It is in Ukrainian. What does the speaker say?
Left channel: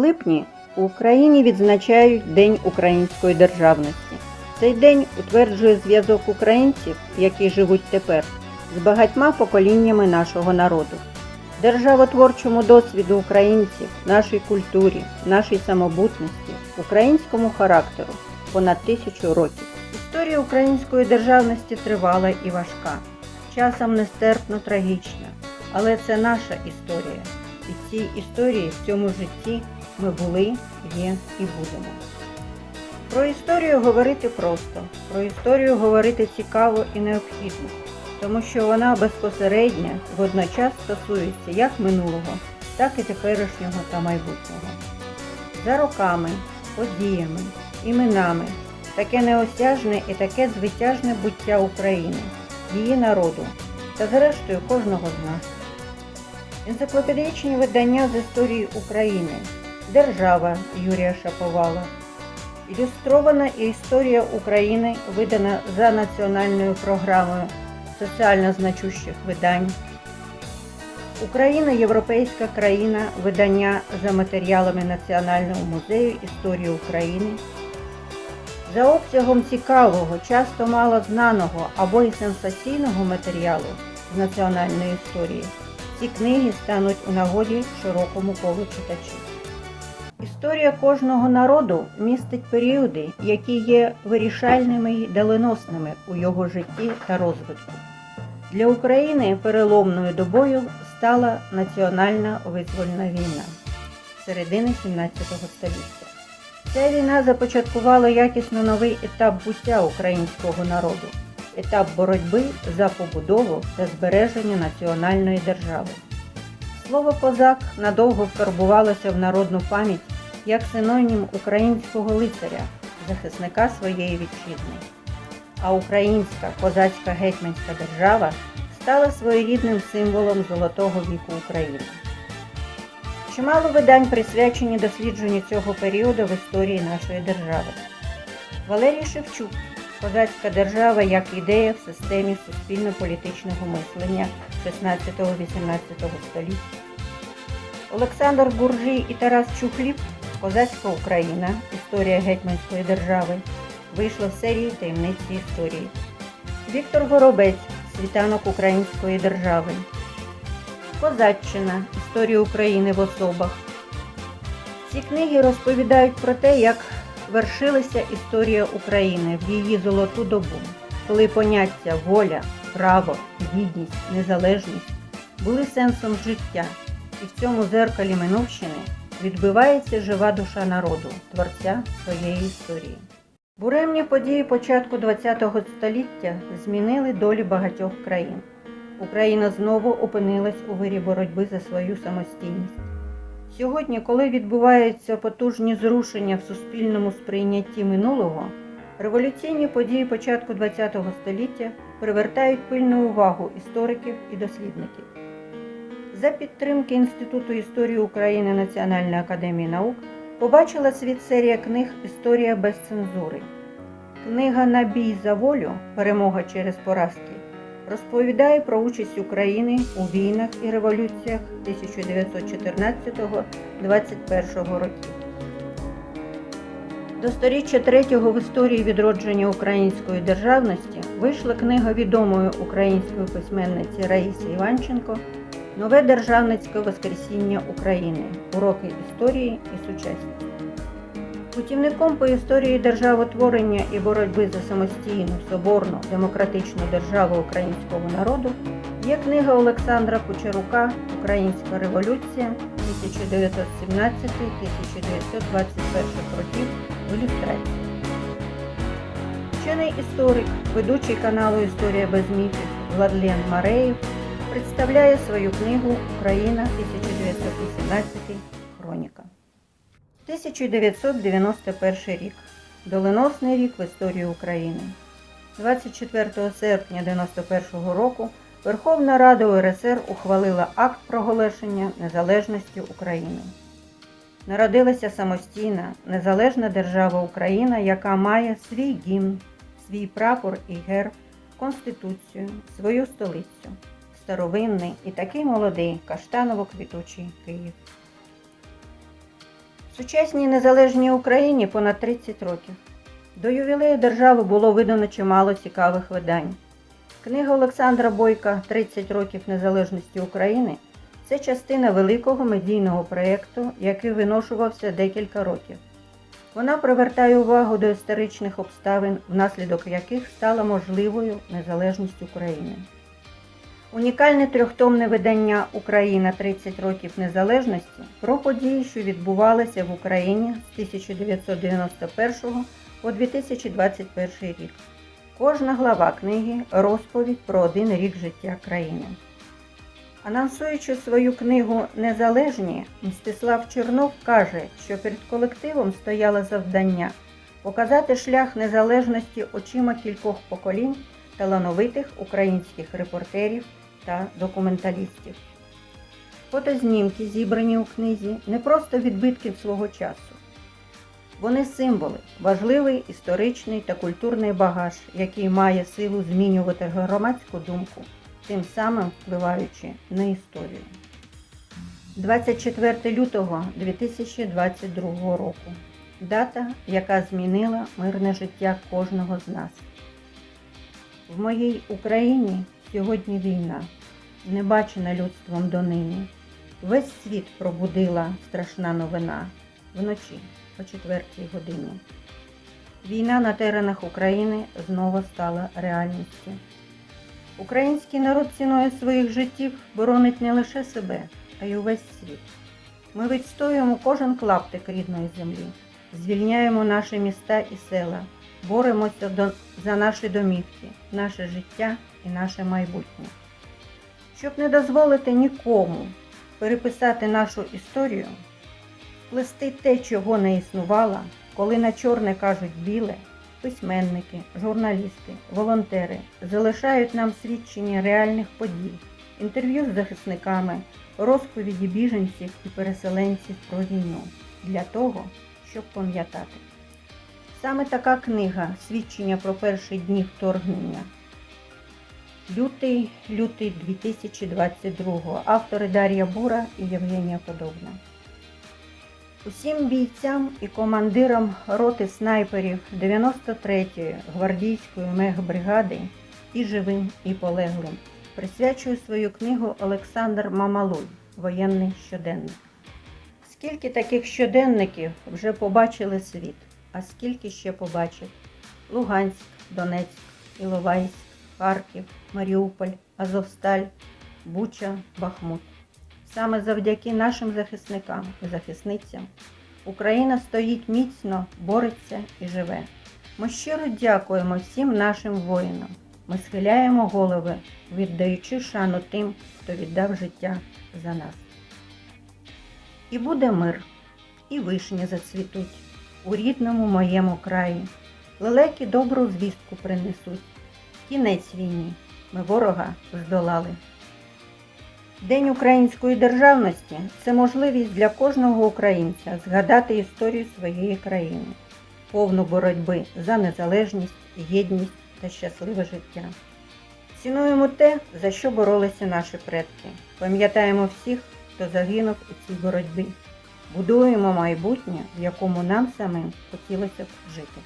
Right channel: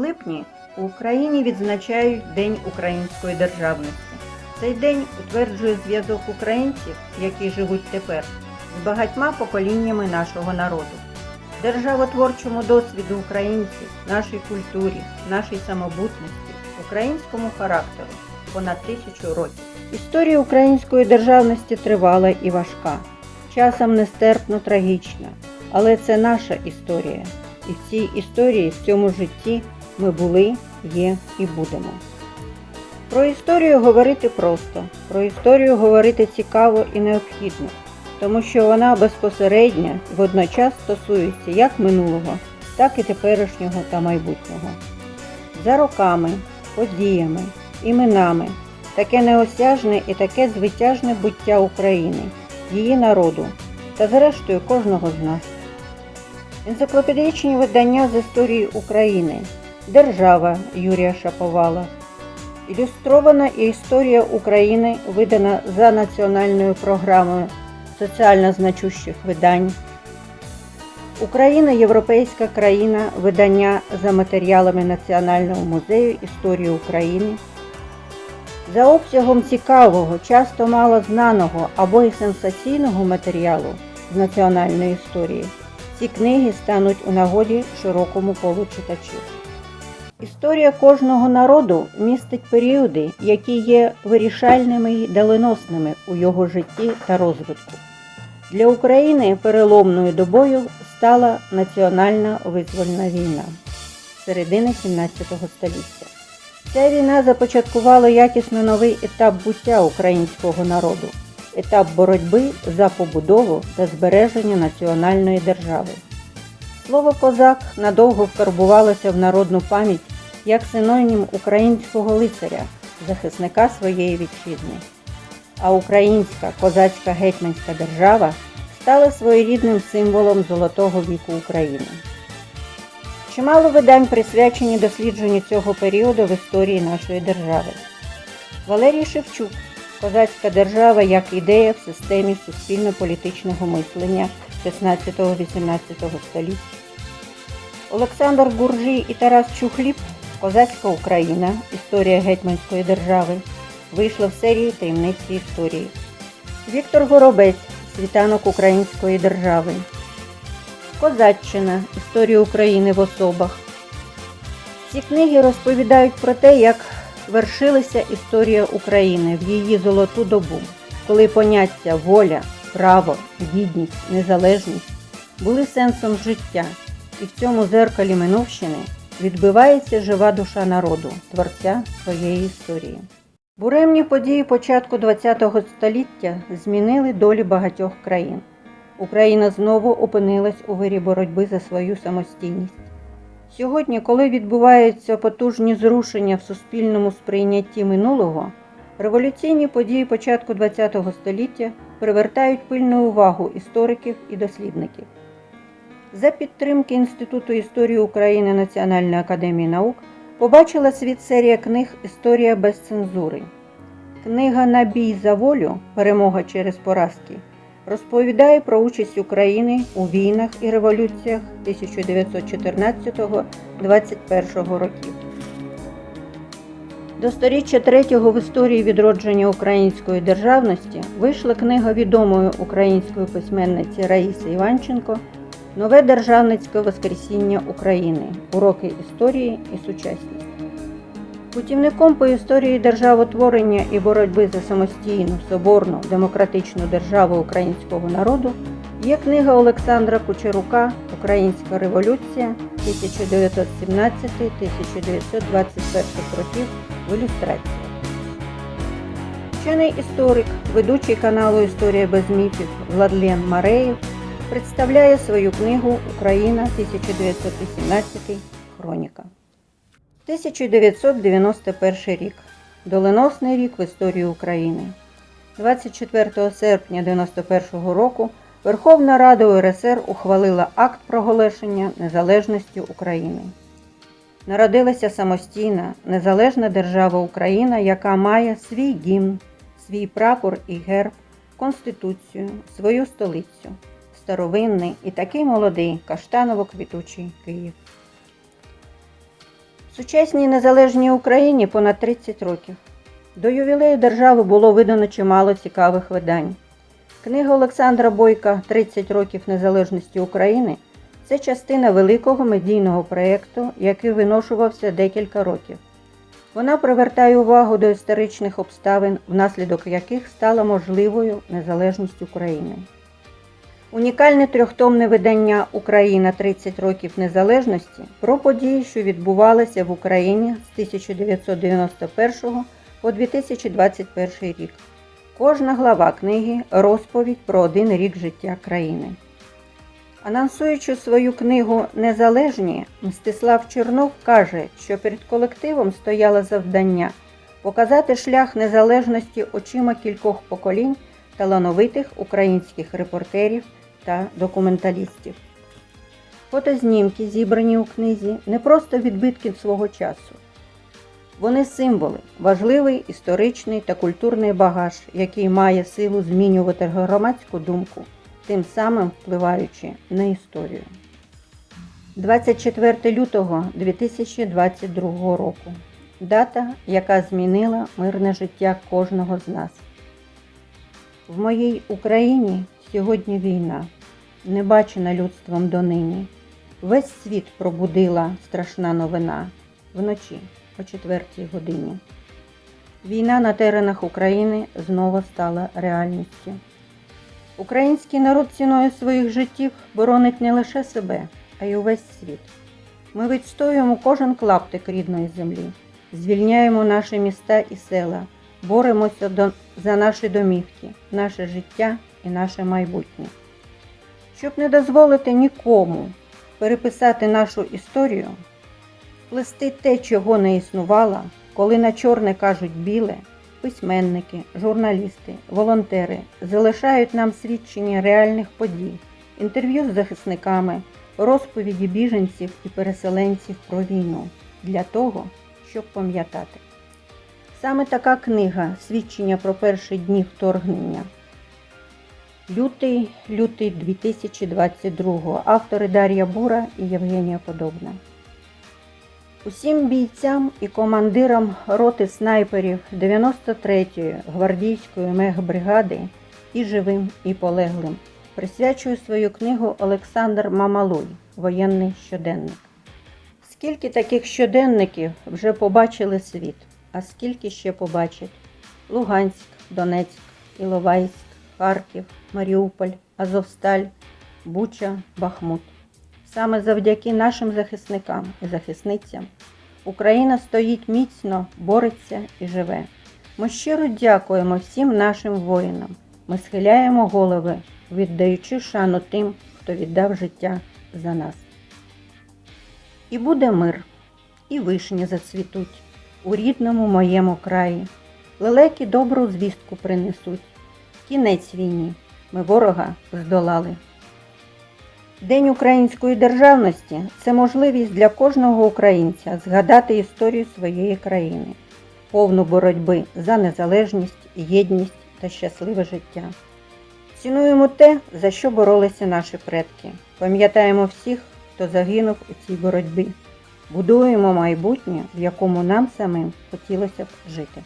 липні у Україні відзначають День української державності. Цей день утверджує зв'язок українців, які живуть тепер, з багатьма поколіннями нашого народу. Державотворчому досвіду українців, нашій культурі, нашій самобутності, українському характеру понад тисячу років. Історія української державності тривала і важка, часом нестерпно трагічна, але це наша історія. І в цій історії, в цьому житті ми були, є і будемо. Про історію говорити просто, про історію говорити цікаво і необхідно, тому що вона безпосередньо водночас стосується як минулого, так і теперішнього та майбутнього. За роками, подіями, іменами, таке неосяжне і таке звитяжне буття України, її народу та зрештою кожного з нас. Енциклопедичні видання з історії України, Держава Юрія Шаповала, Ілюстрована історія України видана за національною програмою соціально значущих видань. Україна європейська країна видання за матеріалами Національного музею історії України. За обсягом цікавого, часто мало знаного або й сенсаційного матеріалу з національної історії ці книги стануть у нагоді широкому колу читачів. Історія кожного народу містить періоди, які є вирішальними й доленосними у його житті та розвитку. Для України переломною добою стала національна визвольна війна середини 17 століття. Ця війна започаткувала якісно новий етап буття українського народу, етап боротьби за побудову та збереження національної держави. Слово козак надовго вкарбувалося в народну пам'ять як синонім українського лицаря, захисника своєї вітчизни. А українська козацька гетьманська держава стала своєрідним символом золотого віку України. Чимало видань присвячені дослідженню цього періоду в історії нашої держави. Валерій Шевчук Козацька держава як ідея в системі суспільно-політичного мислення 16-18 століття. Олександр Гуржій і Тарас Чухліб Козацька Україна. Історія гетьманської держави. Вийшла в серії таємниці історії. Віктор Горобець Світанок Української держави. Козаччина. Історія України в особах. Ці книги розповідають про те, як вершилася історія України в її золоту добу, коли поняття воля, право, гідність, незалежність були сенсом життя, і в цьому зеркалі Минувщини відбивається жива душа народу, творця своєї історії. Буремні події початку ХХ століття змінили долі багатьох країн. Україна знову опинилась у вирі боротьби за свою самостійність. Сьогодні, коли відбуваються потужні зрушення в суспільному сприйнятті минулого, революційні події початку ХХ століття привертають пильну увагу істориків і дослідників. За підтримки Інституту історії України Національної академії наук побачила світ серія книг Історія без цензури. Книга Набій за волю Перемога через поразки розповідає про участь України у війнах і революціях 1914-21 років. До сторіччя третього в історії відродження української державності вийшла книга відомої української письменниці Раїси Іванченко Нове державницьке воскресіння України. Уроки історії і сучасність. Путівником по історії державотворення і боротьби за самостійну, соборну, демократичну державу українського народу є книга Олександра Кучерука Українська революція 1917-1921 років в ілюстрації. Вчений історик, ведучий каналу Історія без міфів Владлен Мареєв представляє свою книгу Україна 1918 Хроніка. 1991 рік. Доленосний рік в історії України. 24 серпня 1991 року Верховна Рада УРСР ухвалила акт проголошення незалежності України. Народилася самостійна, незалежна держава Україна, яка має свій гімн, свій прапор і герб, конституцію, свою столицю, старовинний і такий молодий каштаново-квітучий Київ. Сучасній незалежній Україні понад 30 років. До ювілею держави було видано чимало цікавих видань. Книга Олександра Бойка «30 років незалежності України це частина великого медійного проєкту, який виношувався декілька років. Вона привертає увагу до історичних обставин, внаслідок яких стала можливою незалежність України. Унікальне трьохтомне видання Україна 30 років незалежності про події, що відбувалися в Україні з 1991 по 2021 рік. Кожна глава книги розповідь про один рік життя країни. Анонсуючи свою книгу Незалежні, Мстислав Чернов каже, що перед колективом стояло завдання показати шлях незалежності очима кількох поколінь талановитих українських репортерів та документалістів. Фотознімки, зібрані у книзі, не просто відбитки свого часу. Вони символи, важливий історичний та культурний багаж, який має силу змінювати громадську думку, тим самим впливаючи на історію. 24 лютого 2022 року. Дата, яка змінила мирне життя кожного з нас. В моїй Україні сьогодні війна, не бачена людством донині. Весь світ пробудила страшна новина вночі о 4 годині. Війна на теренах України знову стала реальністю. Український народ ціною своїх життів боронить не лише себе, а й увесь світ. Ми відстоюємо кожен клаптик рідної землі, звільняємо наші міста і села, боремося за наші домівки, наше життя і наше майбутнє. Щоб не дозволити нікому переписати нашу історію, плести те, чого не існувало, коли на чорне кажуть біле, письменники, журналісти, волонтери залишають нам свідчення реальних подій, інтерв'ю з захисниками, розповіді біженців і переселенців про війну для того, щоб пам'ятати. Саме така книга свідчення про перші дні вторгнення. Лютий, лютий 2022 Автори Дар'я Бура і Євгенія Подобна. Усім бійцям і командирам роти снайперів 93-ї гвардійської мегбригади і живим, і полеглим присвячую свою книгу Олександр Мамалуй Воєнний щоденник. Скільки таких щоденників вже побачили світ, а скільки ще побачить Луганськ, Донецьк, Іловайськ, Харків, Маріуполь, Азовсталь, Буча, Бахмут. Саме завдяки нашим захисникам і захисницям Україна стоїть міцно, бореться і живе. Ми щиро дякуємо всім нашим воїнам. Ми схиляємо голови, віддаючи шану тим, хто віддав життя за нас. І буде мир, і вишні зацвітуть у рідному моєму краї. Лелеки добру звістку принесуть. Кінець війні. Ми ворога здолали. День української державності це можливість для кожного українця згадати історію своєї країни, повну боротьби за незалежність, єдність та щасливе життя. Цінуємо те, за що боролися наші предки. Пам'ятаємо всіх, хто загинув у цій боротьбі. Будуємо майбутнє, в якому нам самим хотілося б жити.